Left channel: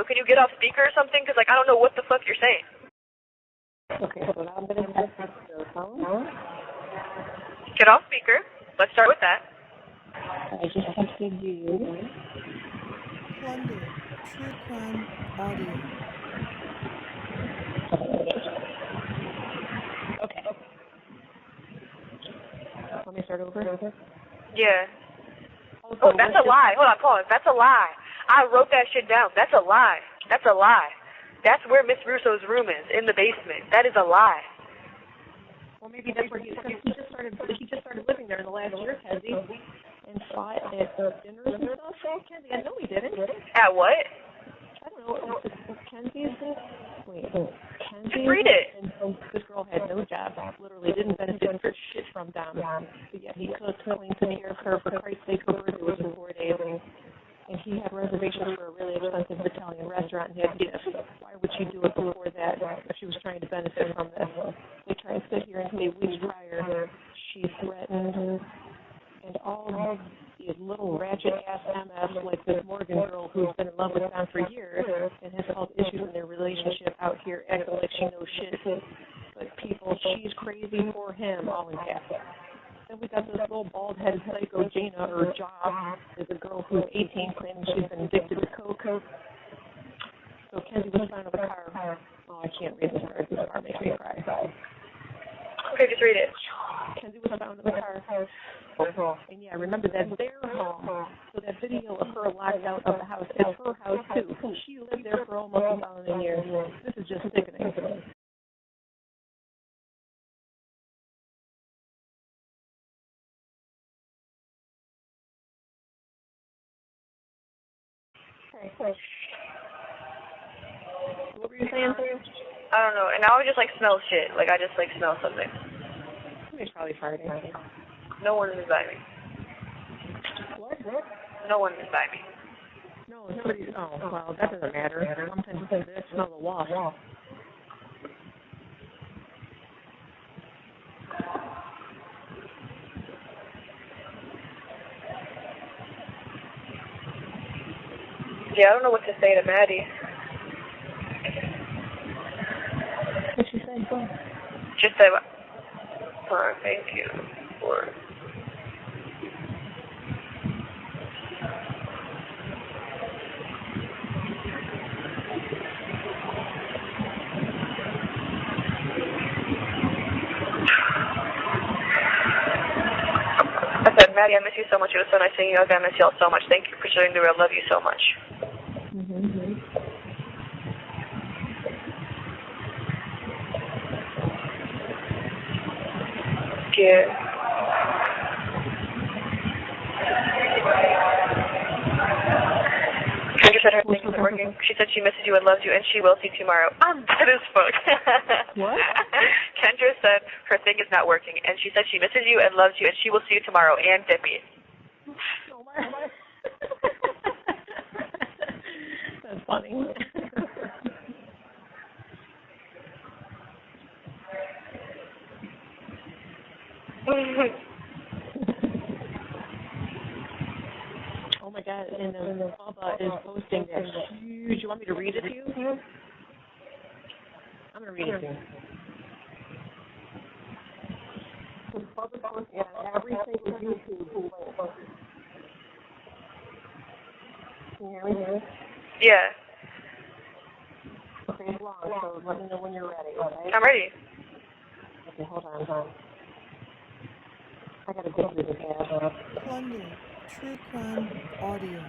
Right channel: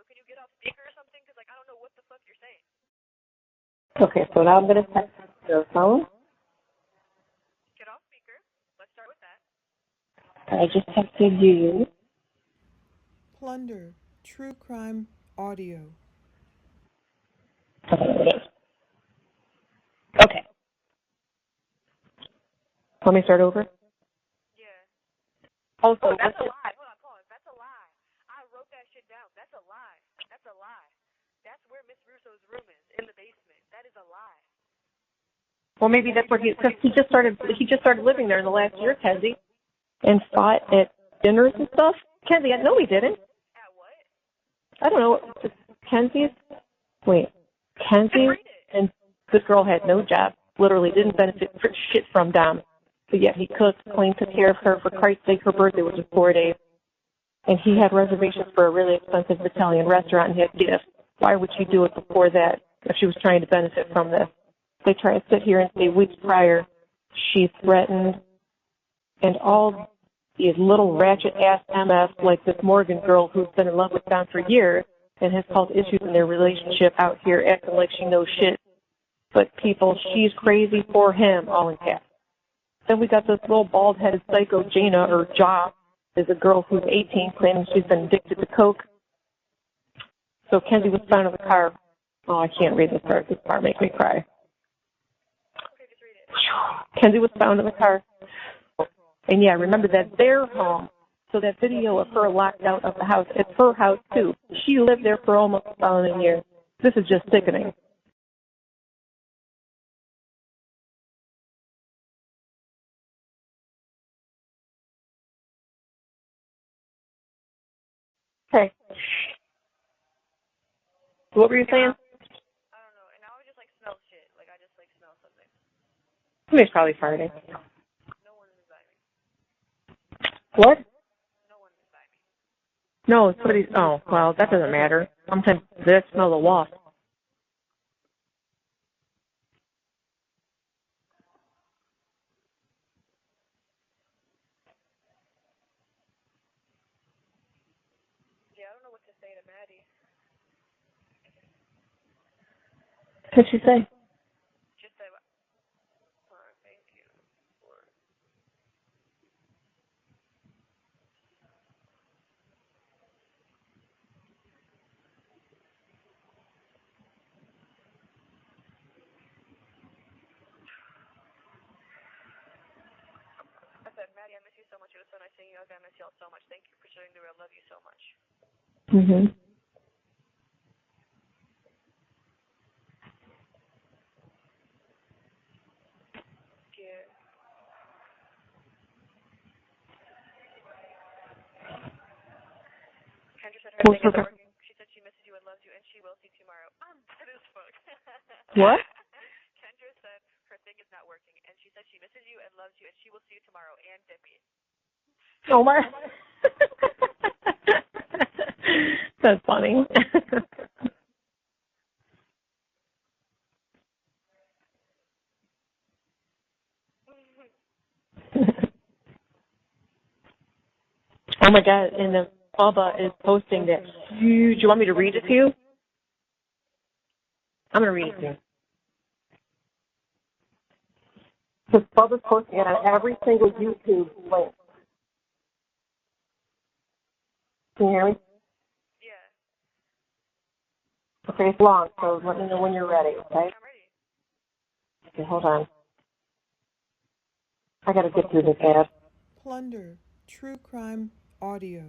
so can you get off speaker or something? Because, like, I don't know what the fuck you're saying. Okay, so now I'm going to text your phone. Get off speaker. Let's start with that. I just texted you. Plunder, true crime audio. Okay. Let me start over? Yeah. Also, oh, that's a lie. Hold on, pause. That's a lie. I wrote that shit down. That's a lie. That's a lie. That's where Miss Russo's room is, in the basement. That is a lie. Well, maybe that's where he just started living there in the last year, Kenzie, and fought at dinners and stuff. Kenzie, I know he didn't. At what? I don't know. Kenzie. Just read it. And this girl had no job. Literally didn't benefit for shit from Dom. But yet he cooked, cleaned, took care of her. For Christ's sake, her birthday was in 4 days. And he had reservations for a really expensive Italian restaurant and had gifts. Why would she do it before that if she was trying to benefit from this? They try to sit here and say weeks prior she threatened, and all these little ratchet-ass MFs like this Morgan girl who's been in love with Don for years and has caused issues in their relationship out here acting like she knows shit. But people, she's crazy for him, all in caps. Then we got this little bald-headed psycho Jana, or Ja, is a girl who's 18 claiming she's been addicted to coke. So Kenzie was found in the car. Oh, I can't read this part. This part makes me cry. Okay, just read it. Kenzie was found in the car. And yeah, remember that's their home. So that video of her locked out of the house, it's her house too. She lived there for almost a following year. This is just sickening. Hey. What were you saying? I don't know. And now I just, like, smell shit. Like, I just, like, smell something. Somebody's probably farting. No one is by me. What? No one is by me. No, somebody's... Oh, well, that doesn't matter. Sometimes they smell the wasp. Yeah, I don't know what to say to Maddie. What'd she say? Just say, thank you for... I said, Maddie, I miss you so much. It was so nice seeing you. I miss y'all so much. Thank you for showing the real. Love you so much. Mm-hmm. Yeah. Kendra said her thing isn't working. She said she misses you and loves you, and she will see you tomorrow. I'm dead as fuck. What? Kendra said her thing is not working, and she said she misses you and loves you, and she will see you tomorrow, and Debbie. Oh, my... That's funny. Oh my God, and the Bubba is posting that huge... You want me to read it to you? I'm going to read it to you. Because Bubba's posting it on every single YouTube link. Can you hear me? Yeah. Okay, it's long, so let me know when you're ready, okay? I'm ready. Okay, hold on. I gotta get through this ad. Plunder, true crime audio.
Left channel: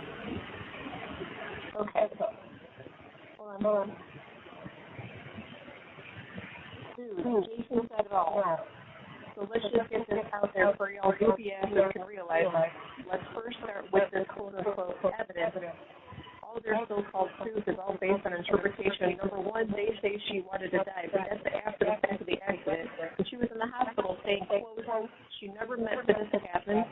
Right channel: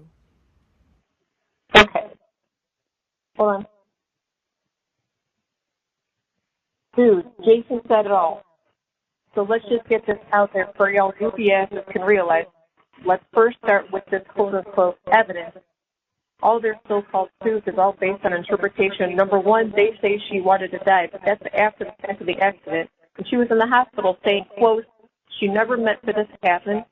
Okay. Hold on. Dude, Jason said it all. So let's just get this out there for y'all goofy asses can realize. Let's first start with this quote-unquote evidence. All their so-called proof is all based on interpretation. Number one, they say she wanted to die, but that's after the fact of the accident. And she was in the hospital saying, quote, she never meant for this to happen,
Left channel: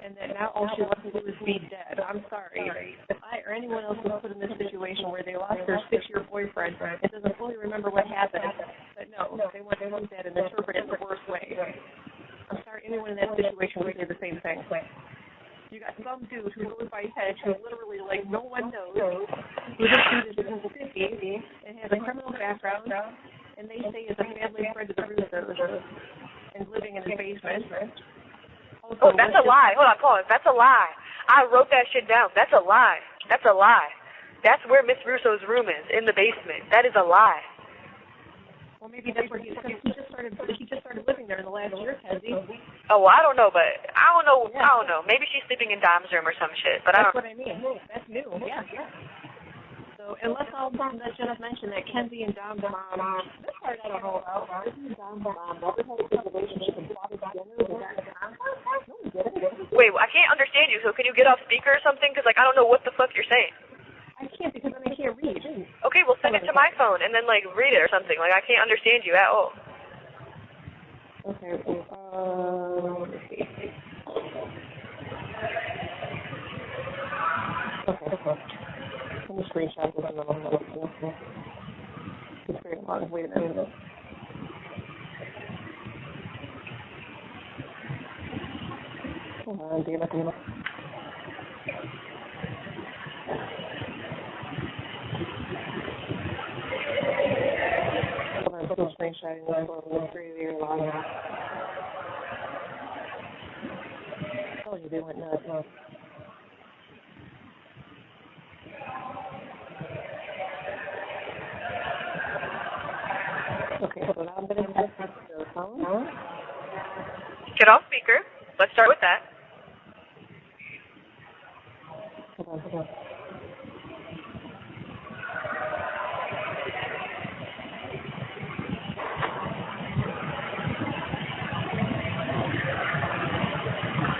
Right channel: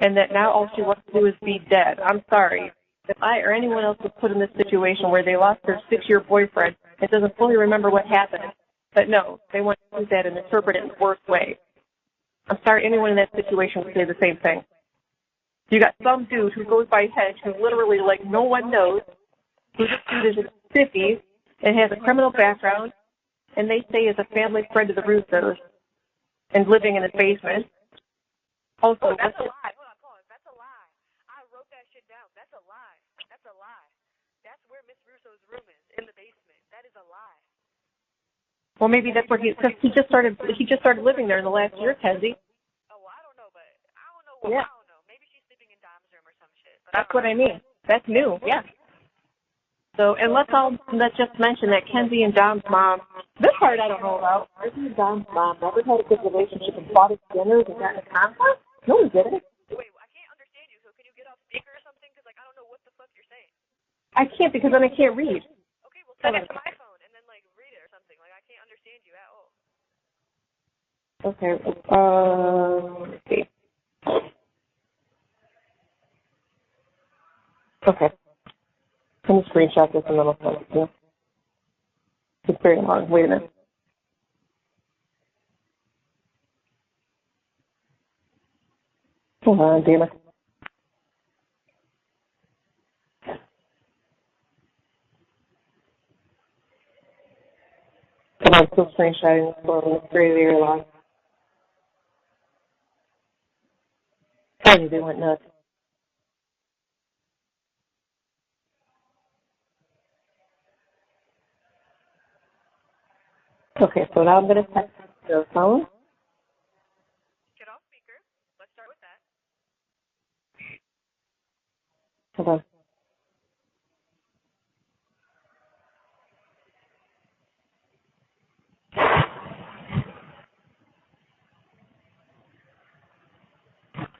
and that now all she wants to do is be dead. I'm sorry. If I or anyone else was put in this situation where they lost their 6-year boyfriend and doesn't fully remember what happened, but no, they want to use that and interpret it in the worst way. I'm sorry anyone in that situation would say the same thing. You got some dude who goes by Hedge who literally, like, no one knows, who this dude is in his 50s and has a criminal background, and they say is a family friend of the Russos and living in his basement. Also, that's a lie. Hold on, pause. That's a lie. I wrote that shit down. That's a lie. That's a lie. That's where Miss Russo's room is, in the basement. That is a lie. Well, maybe that's where he just started living there in the last year, Kenzie. Oh, well, I don't know, but I don't know. Yeah. I don't know. Maybe she's sleeping in Dom's room or some shit. But That's what I mean. That's new. Yeah. So, and let's just mention that Kenzie and Dom's mom. This part I don't know about. Kenzie and Dom's mom never had a good relationship and fought at dinners and got in a conflict. No, we didn't. Wait, I can't understand you. So can you get off speaker or something? Because I don't know what the fuck you're saying. I can't because then I can't read. Okay, well send it to my phone and then read it or something. I can't understand you at all. Okay. Let's see. Okay. Let me screenshot this and then I'll send it to you. It's very long. Wait a minute. Hold on, damn it. I'm still screenshotting this one. It's very, very long. They went nuts. Okay, so now I'm going to text your phone. Get off speaker. Let's start with that. Hold on.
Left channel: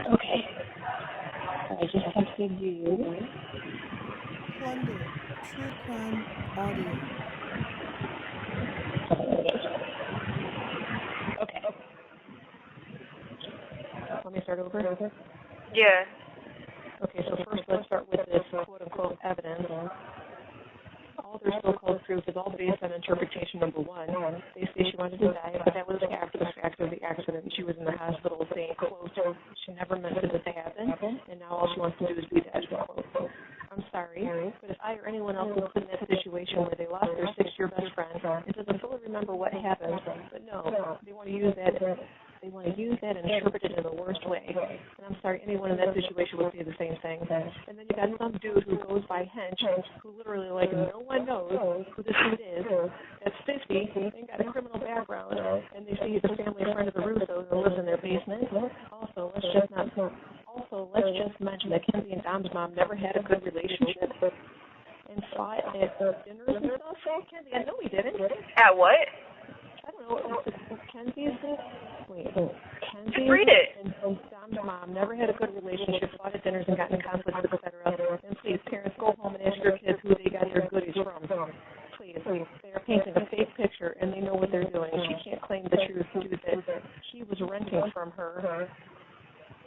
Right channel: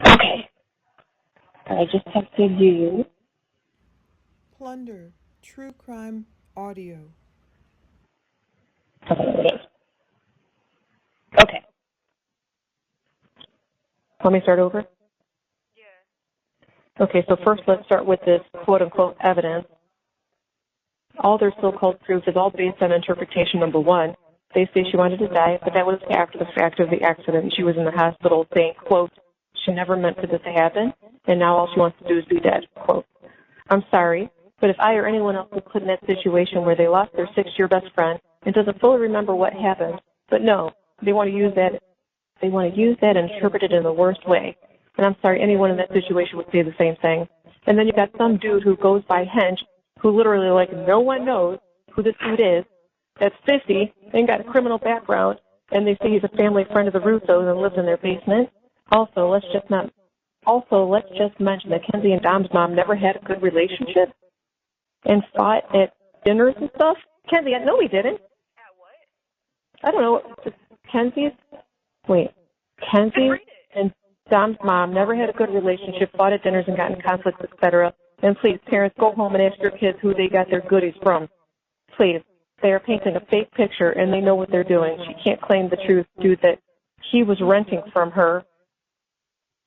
Okay. I just texted you. Plunder, true crime audio. Okay, there it is. Okay. Let me start over? Yeah. Okay, so first let's start with this quote-unquote evidence. All their so-called proof is all based on interpretation number one. They say she wanted to die, but that was after the fact of the accident. She was in the hospital saying, quote, she never meant for this to happen, and now all she wants to do is be dead, quote. I'm sorry, but if I or anyone else was put in that situation where they lost their 6-year best friend and doesn't fully remember what happened, but no, they want to use that and interpret it in the worst way. And I'm sorry, anyone in that situation would say the same thing. And then you got some dude who goes by hench, who literally, no one knows who this dude is, that's 50, and got a criminal background, and they say he's a family friend of the Russos and lives in their basement. Also, let's just mention that Kenzie and Dom's mom never had a good relationship and fought at dinners and stuff. Kenzie, I know we didn't. At what? I don't know. Kenzie and Dom's mom never had a good relationship, fought at dinners and got in conflicts, etc. And please, parents, go home and ask your kids who they got their goodies from. Please. They are painting a fake picture, and they know what they're doing. She can't claim the truth, dude, that he was renting from her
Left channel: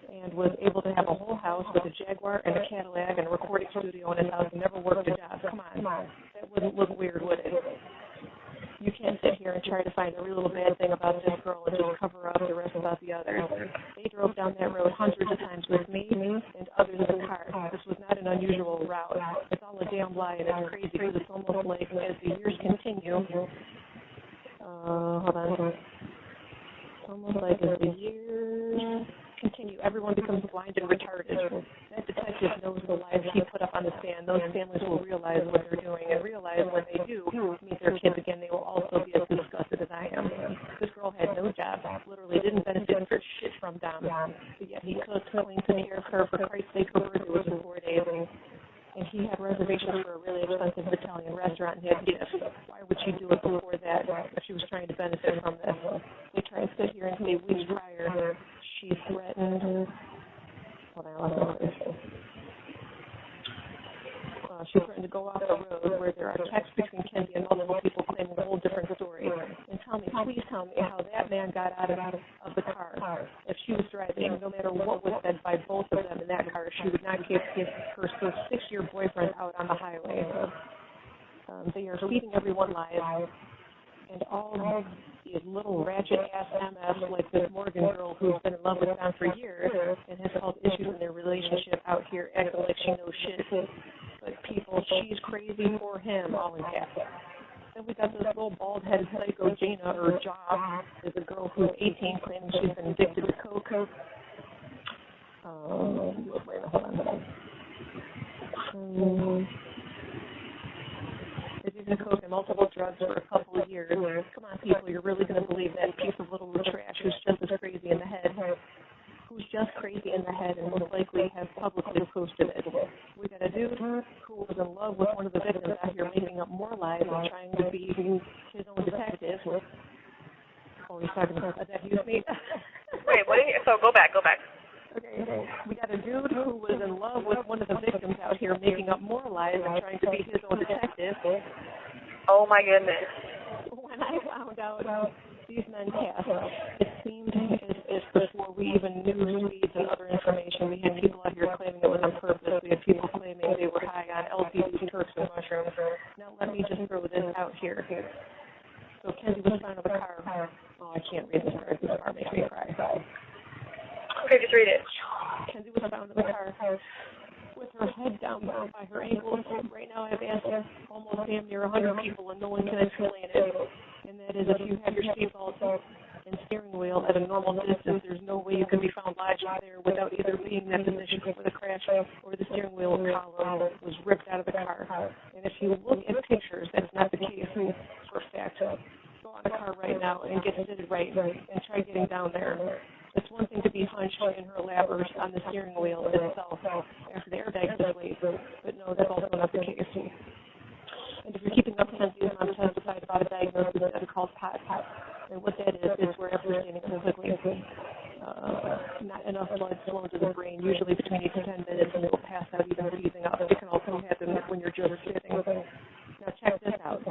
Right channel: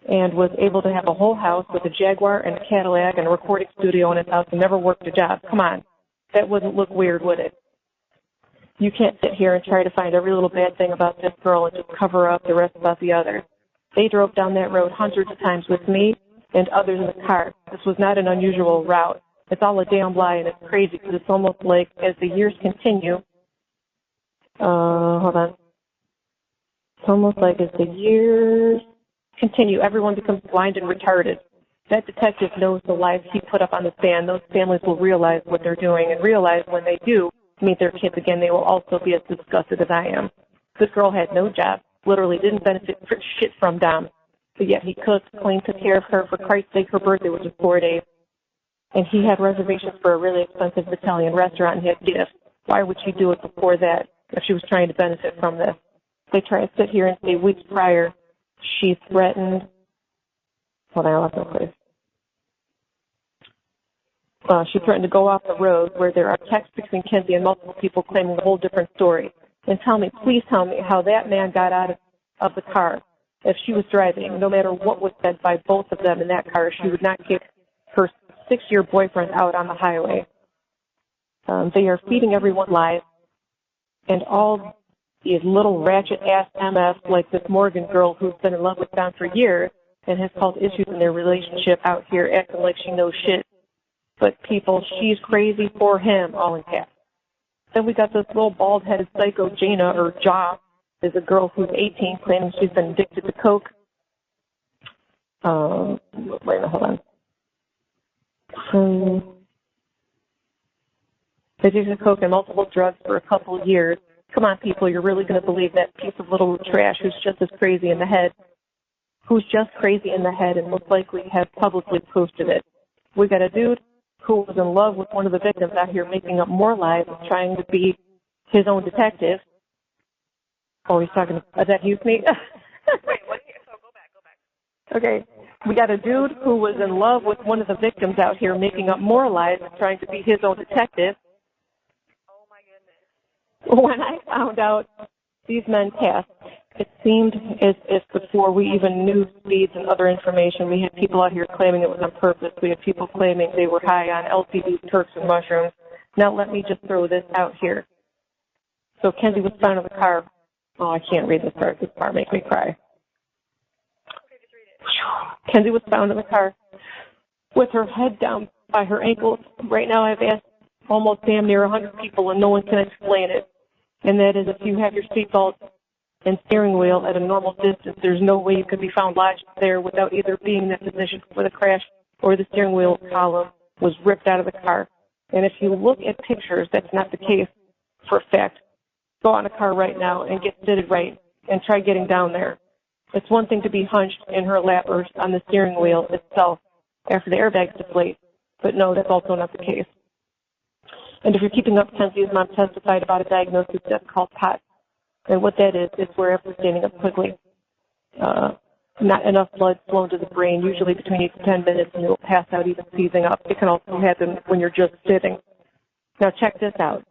and was able to have a whole house with a Jaguar and a Cadillac and a recording studio in his house and never worked a job. Come on. That wouldn't look weird, would it? You can't sit here and try to find every little bad thing about this girl and just cover up the rest about the others. They drove down that road hundreds of times with me and others in the car. This was not an unusual route. It's all a damn lie, and it's crazy because it's almost like as the years continue, hold on. It's almost like as the years continue, everyone becomes blind and retarded. That detective knows the lies he put up on the stand. Those families will realize what they're doing and realize when they do meet their kids again, they will also be as disgusted as I am. This girl had no job, literally didn't benefit for shit from Dom, but yet he cooked, cleaned, took care of her. For Christ's sake, her birthday was in 4 days, and he had reservations for a really expensive Italian restaurant and had gifts. Why would she do it before that if she was trying to benefit from this? They try to sit here and say weeks prior she threatened. Hold on, I lost my place. She threatened to go off the road where there are texts between Kenzie and multiple people claiming a whole different story. And please tell me how that man got out of the car. If she was driving, no matter what was said by both of them in that car, she would not kick her 6-year boyfriend out on the highway. They are feeding everyone lies, and all these little ratchet-ass MFs like this Morgan girl who's been in love with Don for years and has caused issues in their relationship out here acting like she knows shit. but people, she's crazy for him, all in caps. Then we got this little bald-headed psycho, Jana, or Ja, is a girl who's 18, claiming she's been addicted to coke. Wait a minute, hold on. Addicted to coke and multiple drugs for a couple of years. Come on, people, you're really going to believe that piece of little trash who's just as crazy in the head, and most likely has publicly posted it. We got a dude who was in love with one of the victims out here making up more lies and trying to be his own detective. Oh, he's talking, is that you, Sneak? Wait, what? So go back. Okay. We got a dude who was in love with one of the victims out here making up more lies and trying to be his own detective. Oh, my goodness. When I found out these men passed, it seemed as if before we even knew speeds and other information, we had people out here claiming it was on purpose. We had people claiming they were high on LSDs, Turks, and mushrooms. Now let me just throw this out here. So Kenzie was found in the car. Oh, I can't read this part. This part makes me cry. Okay, just read it. Kenzie was found in the car with her head down by her ankles. Right now I've asked almost damn near 100 people and no one can explain it. And that is if you have your seatbelt and steering wheel at a normal distance, there's no way you can be found lodged there without either being in that position before the crash or the steering wheel column was ripped out of the car. And if you look at pictures, that's not the case for a fact. Go out in a car right now and get seated right and try getting down there. It's one thing to be hunched in her lap or on the steering wheel itself after the airbags deflate, but no, that's also not the case. And if you're keeping up, Kenzie's mom testified about a diagnosis that's called POTS. And what that is where after standing up quickly, not enough blood flown to the brain, usually between 8 to 10 minutes, and it will pass out even seizing up. It can also happen when you're just sitting. Now check this out.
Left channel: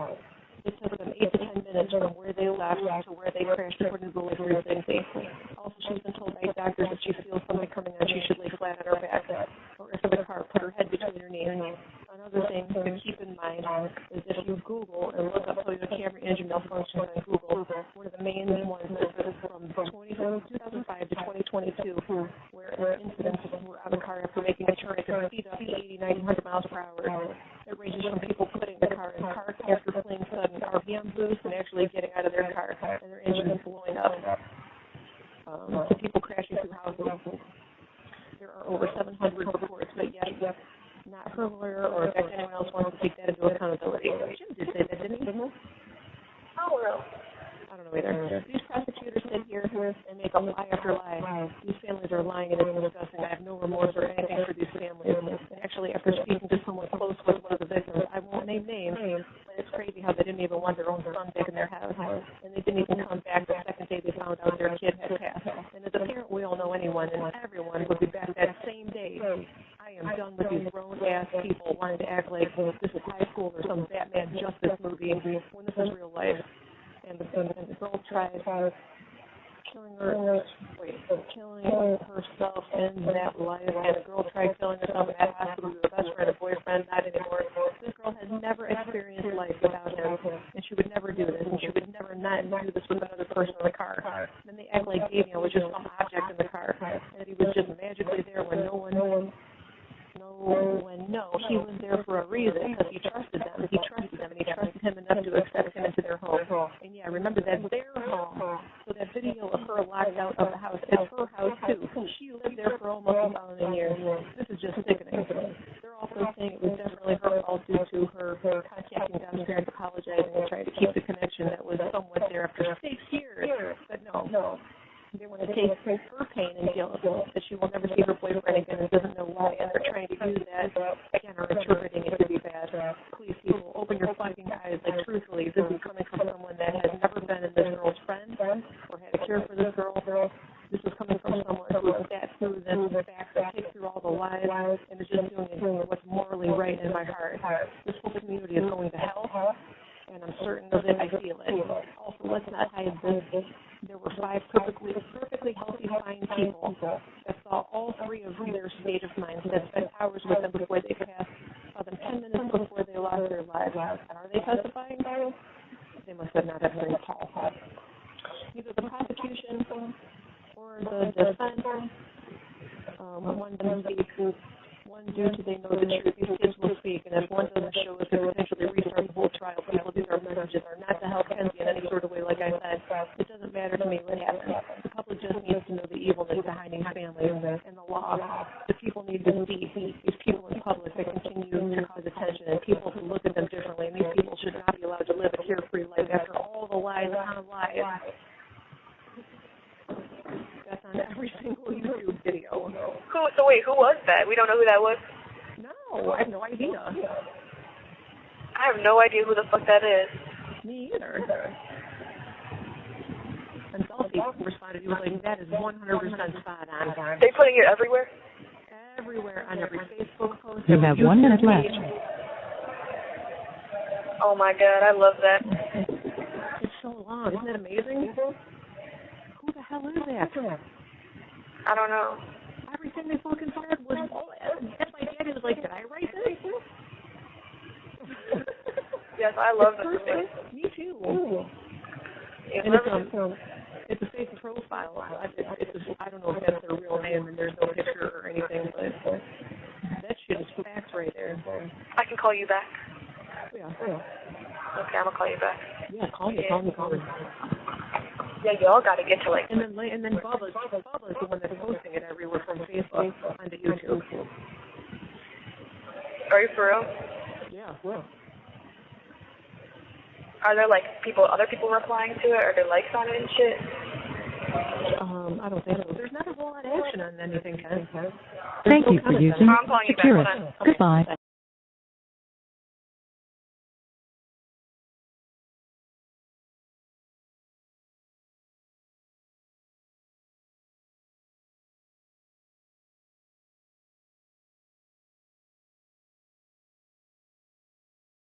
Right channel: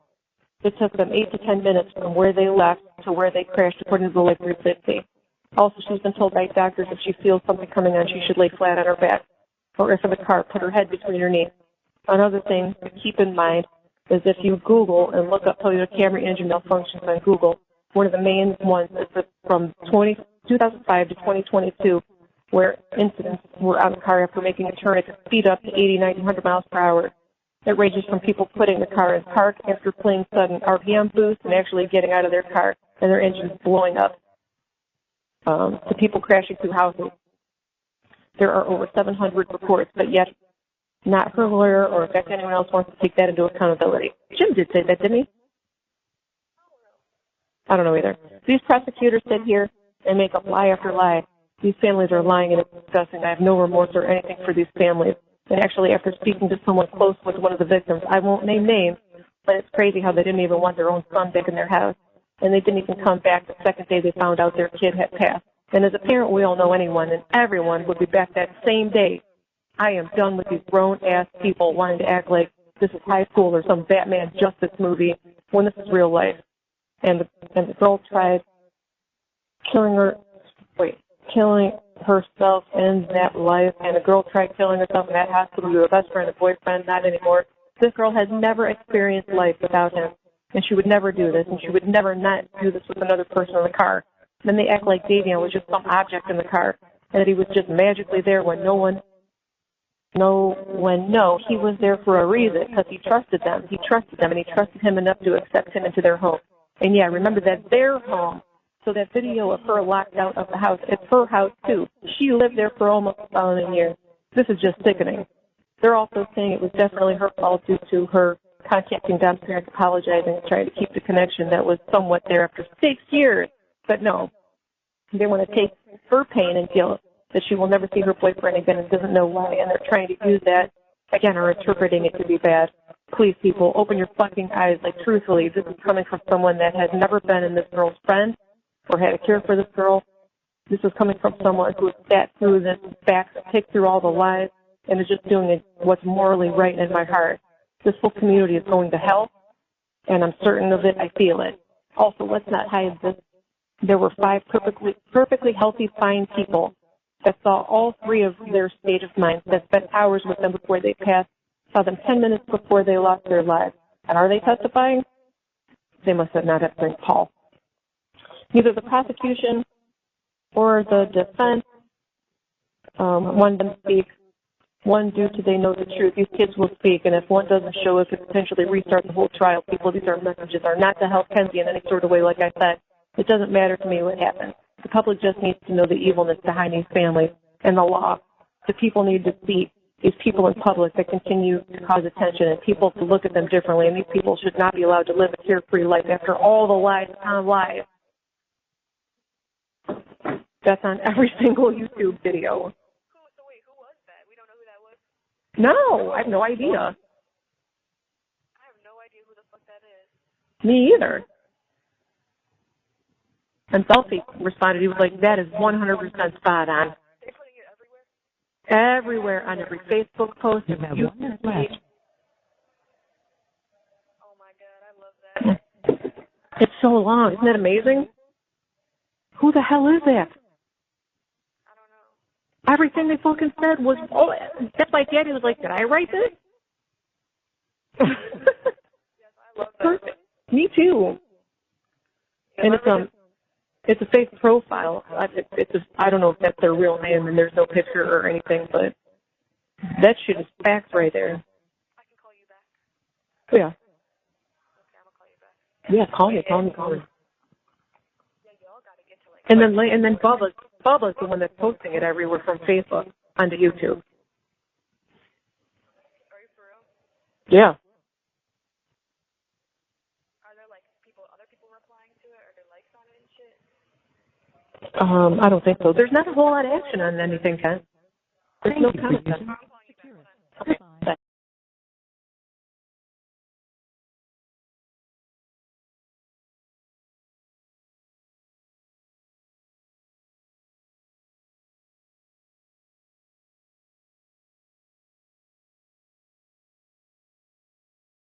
It took them 8 to 10 minutes from where they left to where they crashed, according to the Life 360. Also, she's been told by doctors if she feels something coming on, she should lay flat on her back, or if in the car, put her head between her knees. Another thing to keep in mind is if you Google and look up Toyota Camry engine malfunctions on Google, one of the main ones is from 2005 to 2022, where incidents were on the car after making a turn. It could speed up to 80, 90, 100 miles per hour. It ranges from people putting the car in park after playing sudden RPM boost and actually getting out of their car and their engines blowing up, to people crashing through houses. There are over 700 reports, but yet not her lawyer or in fact anyone else wants to take that into accountability. Jim did say that, didn't he? I don't know either. These prosecutors sit here and make up lie after lie. These families are lying and it's disgusting. I have no remorse or anything for these families. And actually, after speaking to someone close with one of the victims, I won't name names, but it's crazy how they didn't even want their own son back in their house. And they didn't even come back the second day they found out their kid had passed. And as a parent, we all know anyone and everyone would be back that same day. I am done with these grown-ass people wanting to act like this is high school or some Batman Justice movie when this is real life. And the girl tried killing herself in that life, and the girl tried killing herself in that hospital with her best friend and boyfriend, not anymore. This girl has never experienced life without him, and she would never do this, and she would never not do this with another person in the car. Then they act like Davion was just some object in the car, and that he was just magically there when he was there for a reason, because he trusted them. He trusted them, and he trusted him enough to accept him into their home. And yeah, remember that their home. So that video of her locked out of the house, it's her house too. She lived there for almost 1,000 years. This is just sickening. They're also saying it was definitely her fault due to her contacting Dom's parents, apologizing, and trying to keep the connection that was somewhat there after 6 years. But no. They want to take her pain and guilt that she will never see her boyfriend again and doesn't know why, and they're trying to use that, again, or interpreting it to be bad. Please, people, open your fucking eyes. Like, truthfully, this is coming from someone that has never been in this girl's friend or had a cure for this girl. This is coming from someone who has sat through this facts and picked through all the lies and is just doing what's morally right in my heart. This whole community is going to hell, and I'm certain of it. I feel it. Also, let's not hide this. There were 5 perfectly healthy, fine people that saw all 3 of their state of mind, that spent hours with them before they passed, saw them 10 minutes before they lost their lives. And are they testifying? They must have not have seen Paul. Neither the prosecution or the defense wanted them to speak. One, due to they know the truth. These kids will speak, and if one doesn't show, it could potentially restart the whole trial. People, these are messages are not to help Kenzie in any sort of way. Like I said, it doesn't matter to me what happens. The public just needs to know the evilness behind these families and the law. The people need to see these people in public that continue to cause attention, and people to look at them differently. And these people should not be allowed to live a carefree life after all the lies on lies. That's on every single YouTube video. So wait, who was that? We don't know who that was? No, I have no idea. I have no idea who the fuck that is. Me either. And Selfie responded, he was like, that is 100% spot on. They putting it everywhere? Everywhere, on every Facebook post. You have 1 minute left. Oh my God, I love that. It's so long. Isn't that amazing? Who the hell is that? I don't know. Everything they fucking said was, oh, that's why Daddy was like, did I write this? Yes, I love this. Perfect. Me too. Yeah, And it's a fake profile. I don't know if that's their real name and there's no picture or anything, but that shit is facts right there. I can call you back. Yeah. Okay, I'm gonna call you back. Yeah, call me. Yeah, y'all gotta get to like. And then Bubba's the one that's posting it everywhere from Facebook onto YouTube. Are you for real? Yeah. Are there like other people replying to it? Are there likes on it and shit? I don't think so. There's not a whole lot of action on anything, Ken. There's Thank no you for comment. using I'm calling you back. Securus. Hold on. Goodbye. Okay.